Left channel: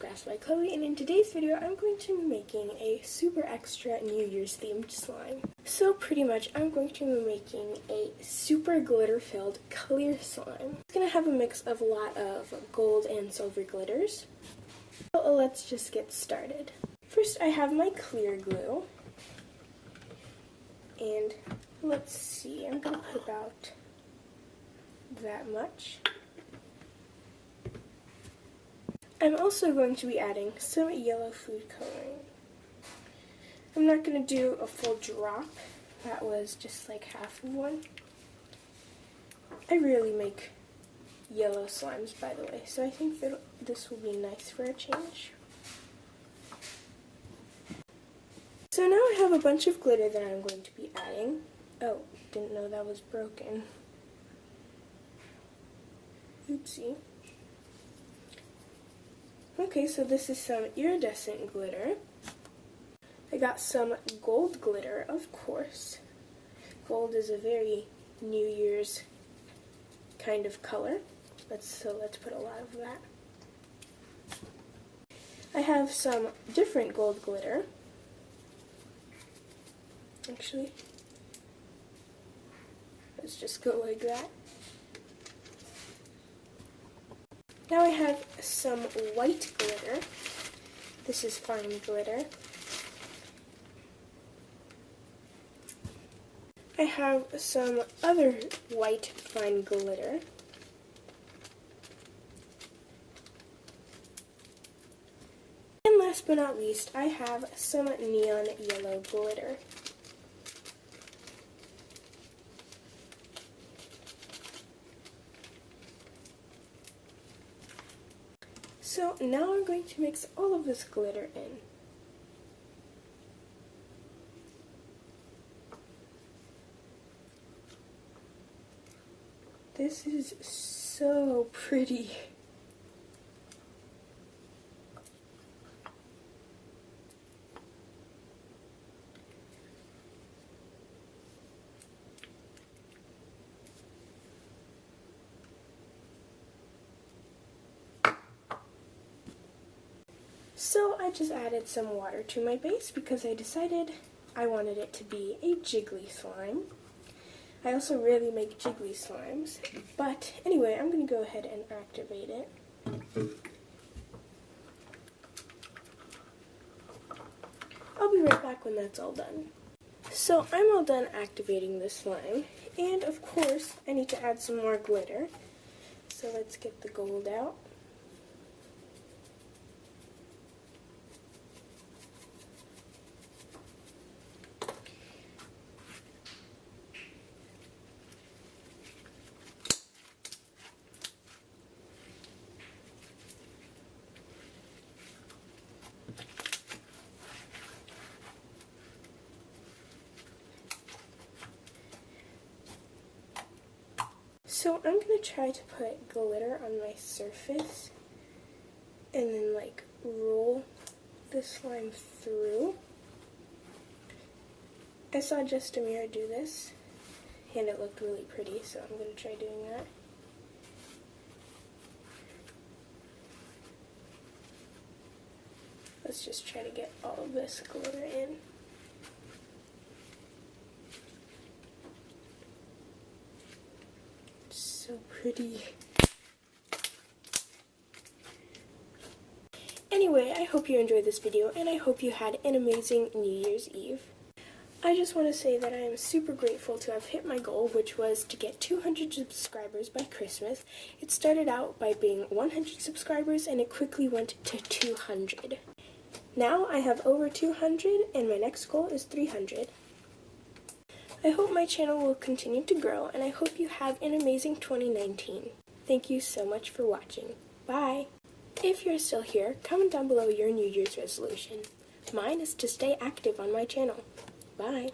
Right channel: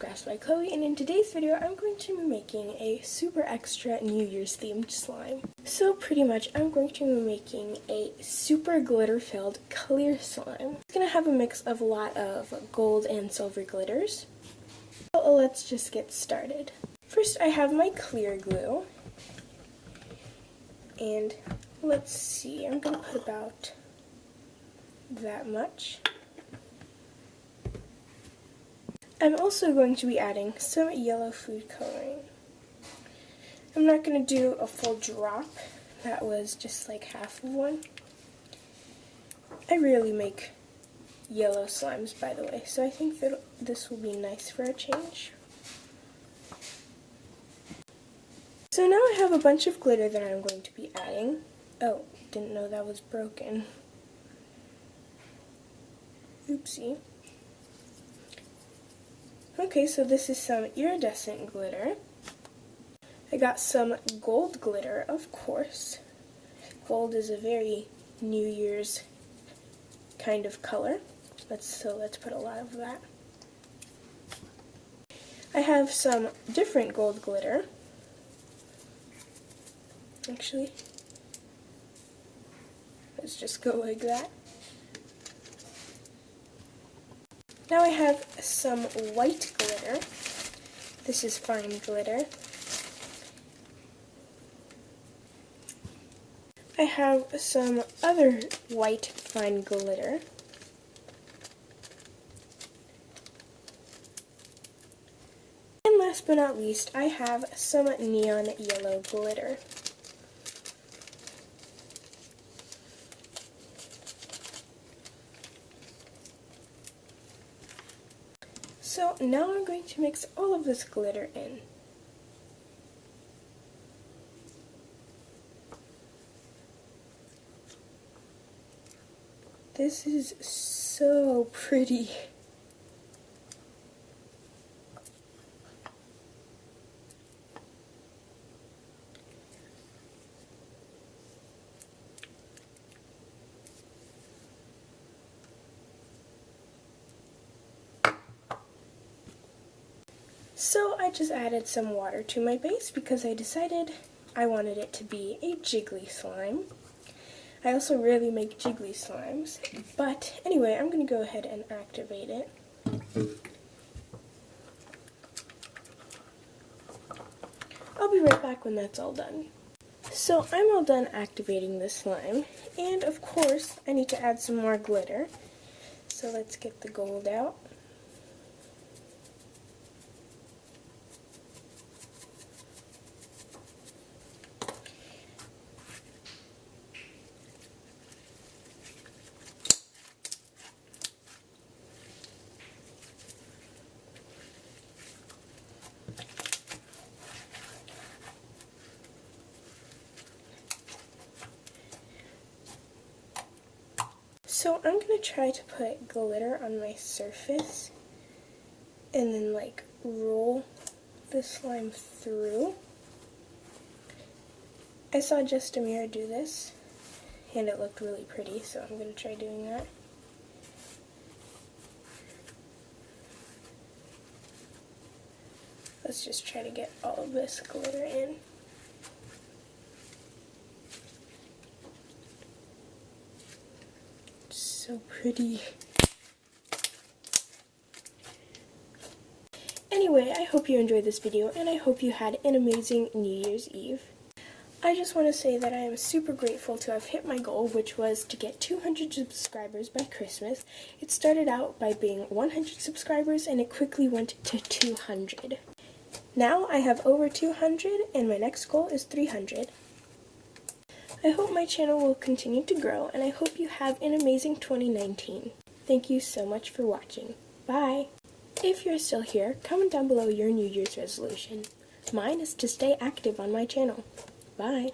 Crafts by Chloe, and in today's video I'm going to be making a super extra New Year's themed slime. So pretty much I'm going to be making a super glitter filled clear slime. It's going to have a mix of a lot of gold and silver glitters. So let's just get started. First I have my clear glue, and let's see, I'm going to put about that much. I'm also going to be adding some yellow food coloring. I'm not going to do a full drop. That was just like half of one. I rarely make yellow slimes, by the way, so I think that this will be nice for a change. So now I have a bunch of glitter that I'm going to be adding. Oh, didn't know that was broken. Oopsie. Okay, so this is some iridescent glitter. I got some gold glitter, of course. Gold is a very New Year's kind of color. Let's put a lot of that. I have some different gold glitter. Actually, let's just go like that. Now I have some white glitter. This is fine glitter. I have some other white fine glitter. And last but not least, I have some neon yellow glitter. So now I'm going to mix all of this glitter in. This is so pretty. So I just added some water to my base because I decided I wanted it to be a jiggly slime. I also rarely make jiggly slimes, but anyway, I'm going to go ahead and activate it. I'll be right back when that's all done. So I'm all done activating this slime, and of course I need to add some more glitter. So let's get the gold out. So I'm going to try to put glitter on my surface and then like roll the slime through. I saw Just Amir do this and it looked really pretty, so I'm going to try doing that. Let's just try to get all of this glitter in. So pretty. Anyway, I hope you enjoyed this video, and I hope you had an amazing New Year's Eve. I just want to say that I am super grateful to have hit my goal, which was to get 200 subscribers by Christmas. It started out by being 100 subscribers, and it quickly went to 200. Now I have over 200, and my next goal is 300. I hope my channel will continue to grow, and I hope you have an amazing 2019. Thank you so much for watching. Bye! If you're still here, comment down below your New Year's resolution. Mine is to stay active on my channel. Bye!